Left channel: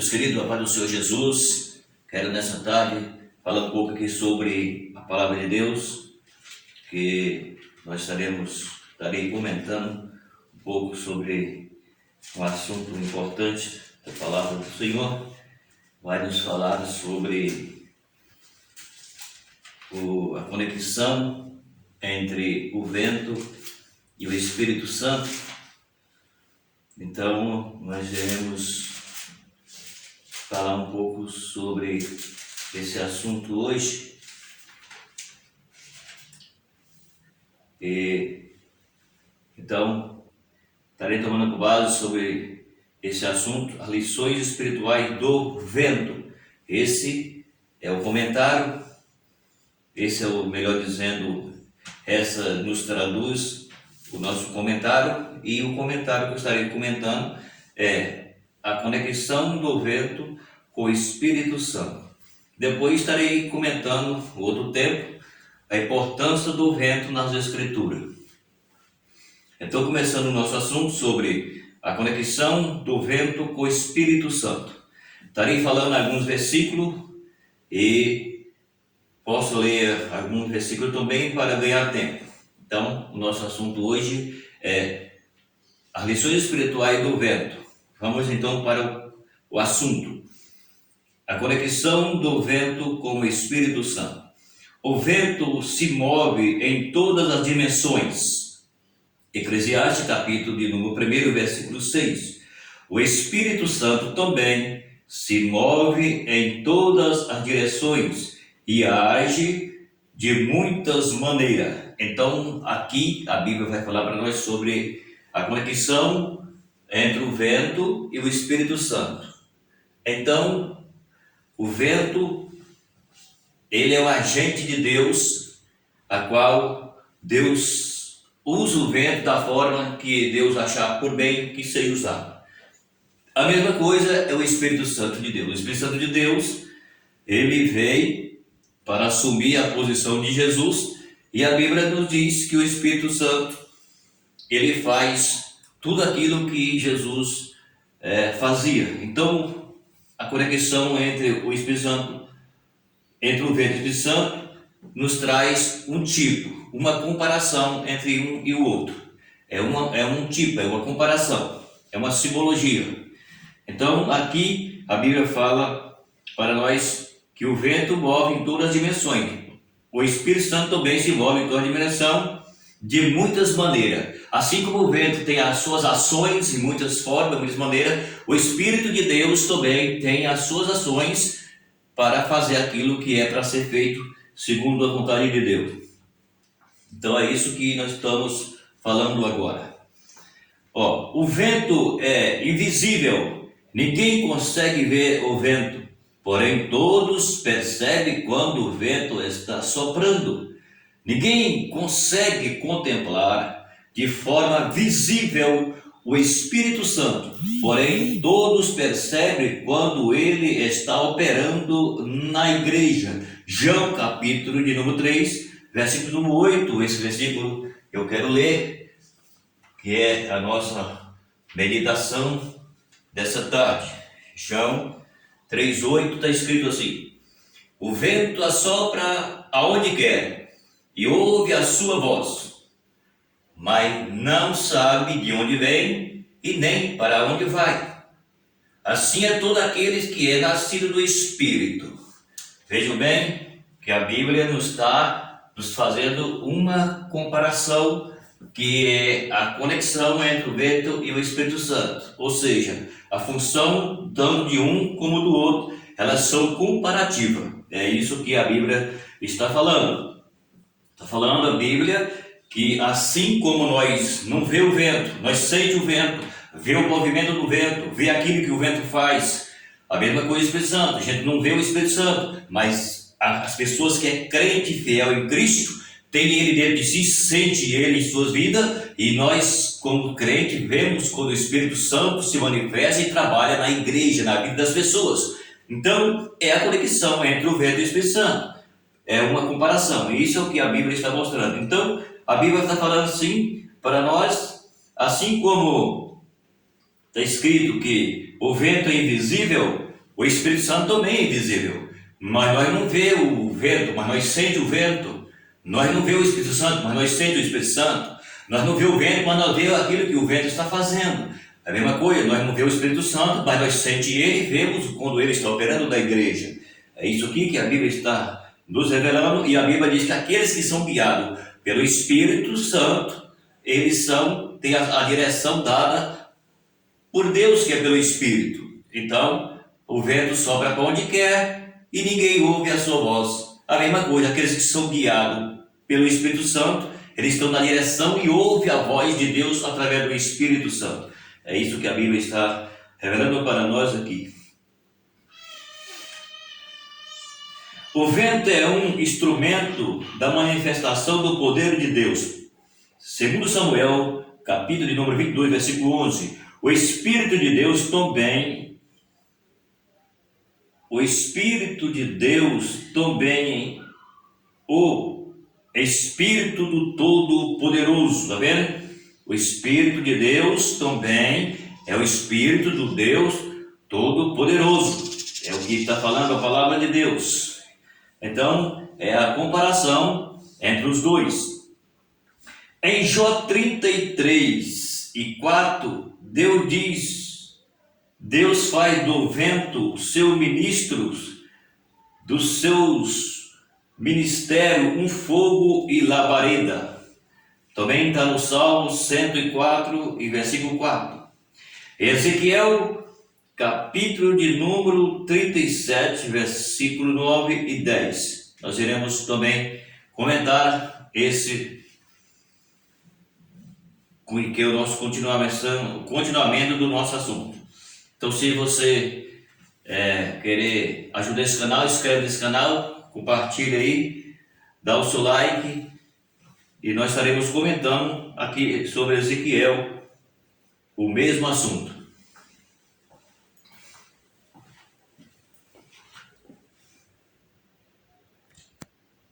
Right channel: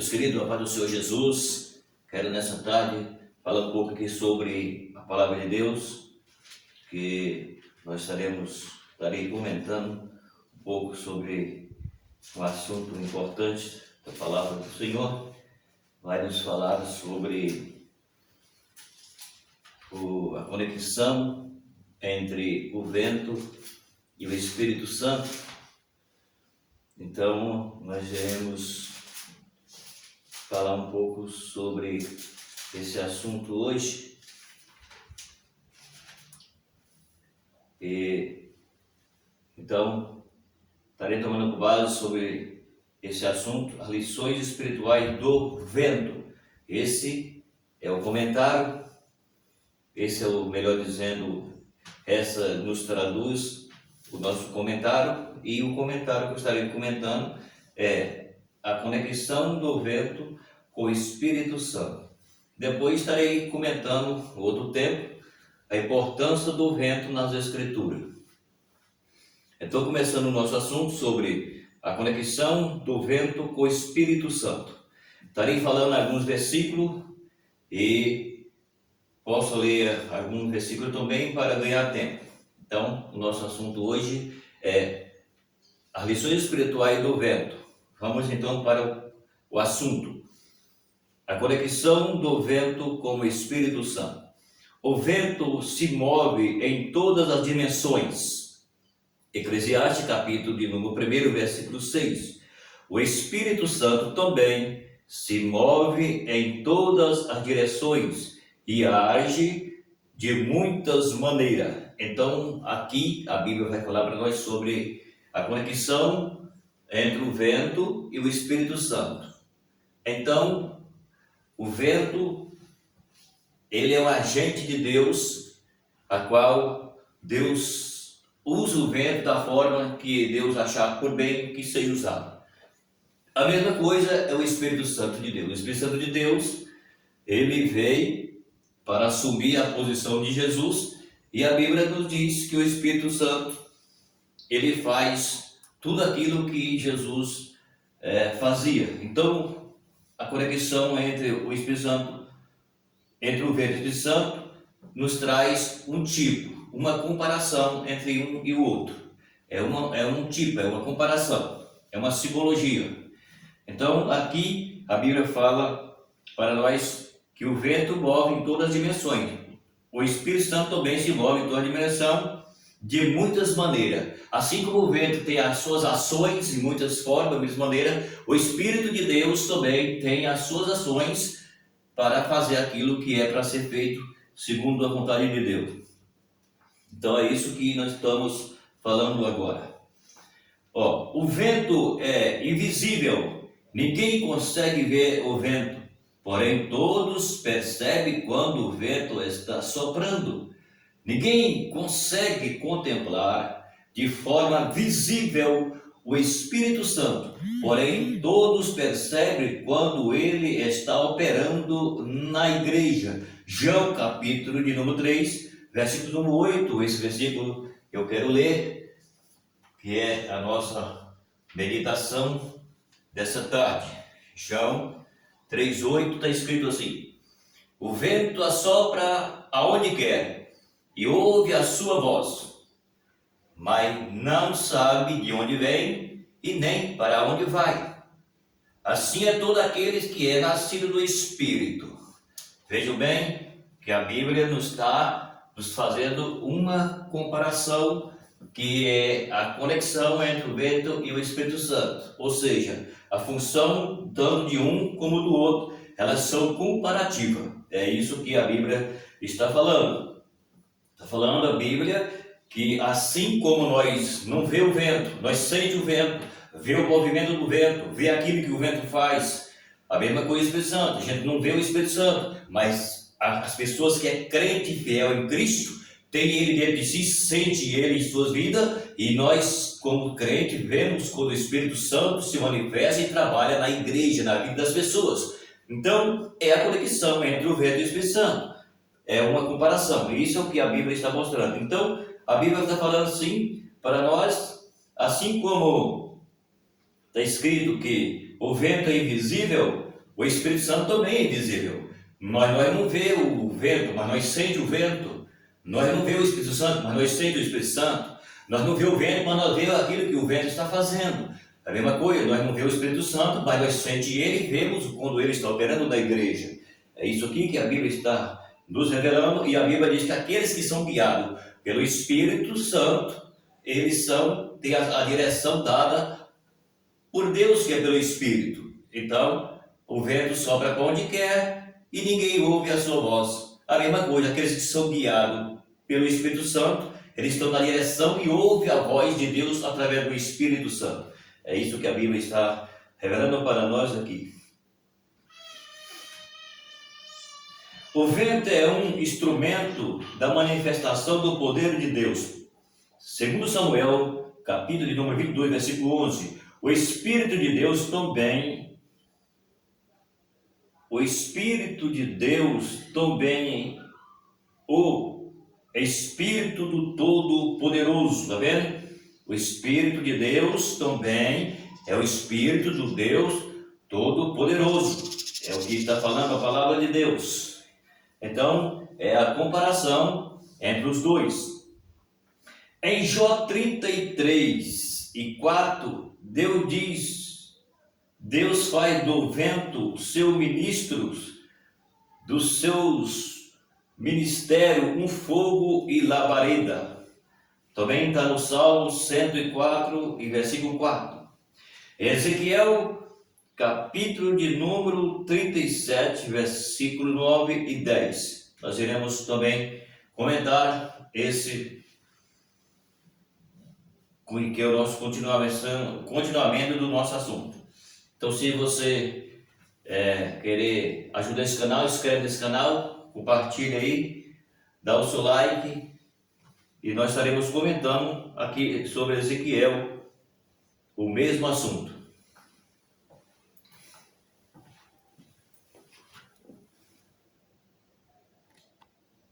Meus queridos, a paz do Senhor Jesus, quero nessa tarde falar um pouco aqui sobre a palavra de Deus, que nós estarei comentando um pouco sobre um assunto importante da palavra do Senhor. Vai nos falar sobre a conexão entre o vento e o Espírito Santo. Então, nós iremos falar um pouco sobre esse assunto hoje. Então, estarei tomando base sobre esse assunto, as lições espirituais do vento. Esse é o comentário, esse é o, melhor dizendo, essa nos traduz o nosso comentário, e o comentário que eu estarei comentando é a conexão do vento com o Espírito Santo. Depois estarei comentando outro tempo a importância do vento nas Escrituras. Então, começando o nosso assunto sobre a conexão do vento com o Espírito Santo. Estarei falando alguns versículos e posso ler alguns versículos também para ganhar tempo. Então, o nosso assunto hoje é as lições espirituais do vento. Vamos então para o assunto. A conexão do vento com o Espírito Santo. O vento se move em todas as dimensões. Eclesiastes capítulo de número 1, versículo 6. O Espírito Santo também se move em todas as direções e age de muitas maneiras. Então, aqui a Bíblia vai falar para nós sobre a conexão entre o vento e o Espírito Santo. Então, o vento, ele é um agente de Deus, a qual Deus usa o vento da forma que Deus achar por bem que seja usado. A mesma coisa é o Espírito Santo de Deus. O Espírito Santo de Deus, ele veio para assumir a posição de Jesus, e a Bíblia nos diz que o Espírito Santo, ele faz tudo aquilo que Jesus fazia. Então, a conexão entre o Espírito Santo, entre o vento e o Espírito Santo, nos traz um tipo, uma comparação entre um e o outro. É um tipo, é uma comparação, é uma simbologia. Então, aqui a Bíblia fala para nós que o vento move em todas as dimensões. O Espírito Santo também se move em toda a dimensão, de muitas maneiras. Assim como o vento tem as suas ações em muitas formas, de muitas maneiras, o Espírito de Deus também tem as suas ações para fazer aquilo que é para ser feito segundo a vontade de Deus. Então é isso que nós estamos falando agora. O vento é invisível, ninguém consegue ver o vento, porém todos percebem quando o vento está soprando. Ninguém consegue contemplar de forma visível o Espírito Santo, porém todos percebem quando ele está operando na igreja. João capítulo de número 3, versículo número 8, esse versículo eu quero ler, que é a nossa meditação dessa tarde. João 3,8 está escrito assim: o vento assopra aonde quer e ouve a sua voz, mas não sabe de onde vem e nem para onde vai. Assim é todo aqueles que é nascido do Espírito. Vejam bem que a Bíblia nos está nos fazendo uma comparação, que é a conexão entre o vento e o Espírito Santo. Ou seja, a função tanto de um como do outro, elas são comparativas. É isso que a Bíblia está falando. Está falando a Bíblia que assim como nós não vê o vento, nós sente o vento, vê o movimento do vento, vê aquilo que o vento faz. A mesma coisa o Espírito Santo. A gente não vê o Espírito Santo, mas as pessoas que é crente e fiel em Cristo, tem ele dentro de si, sente ele em suas vidas, e nós como crente vemos quando o Espírito Santo se manifesta e trabalha na igreja, na vida das pessoas. Então é a conexão entre o vento e o Espírito Santo. É uma comparação, e isso é o que a Bíblia está mostrando. Então, a Bíblia está falando assim para nós, assim como está escrito que o vento é invisível, O Espírito Santo também é invisível. Mas nós não vemos o vento, mas nós sentimos o vento. Nós não vemos o Espírito Santo, mas nós sentimos o Espírito Santo. Nós não vemos o vento, mas nós vemos aquilo que o vento está fazendo. A mesma coisa, nós não vemos o Espírito Santo, mas nós sentimos ele e vemos quando ele está operando na igreja. É isso aqui que a Bíblia está nos revelando, e a Bíblia diz que aqueles que são guiados pelo Espírito Santo, eles têm a direção dada por Deus, que é pelo Espírito. Então, o vento sopra para onde quer e ninguém ouve a sua voz. A mesma coisa, aqueles que são guiados pelo Espírito Santo, eles estão na direção e ouvem a voz de Deus através do Espírito Santo. É isso que a Bíblia está revelando para nós aqui. O vento é um instrumento da manifestação do poder de Deus. Segundo Samuel, capítulo de número 22, versículo 11. O Espírito de Deus também o Espírito do Todo-Poderoso, está vendo? O Espírito de Deus também é o Espírito do Deus Todo-Poderoso. É o que está falando a palavra de Deus. Então, é a comparação entre os dois. Em Jó 33:4, Deus faz do vento seus ministros, dos seus ministérios um fogo e labareda. Também está no Salmo 104 e versículo 4. Ezequiel, capítulo de número 37, versículo 9 e 10. Nós iremos também comentar esse, que é o nosso continuamento do nosso assunto. Então, se você querer ajudar esse canal, inscreve nesse canal, compartilha aí, dá o seu like, e nós estaremos comentando aqui sobre Ezequiel, o mesmo assunto.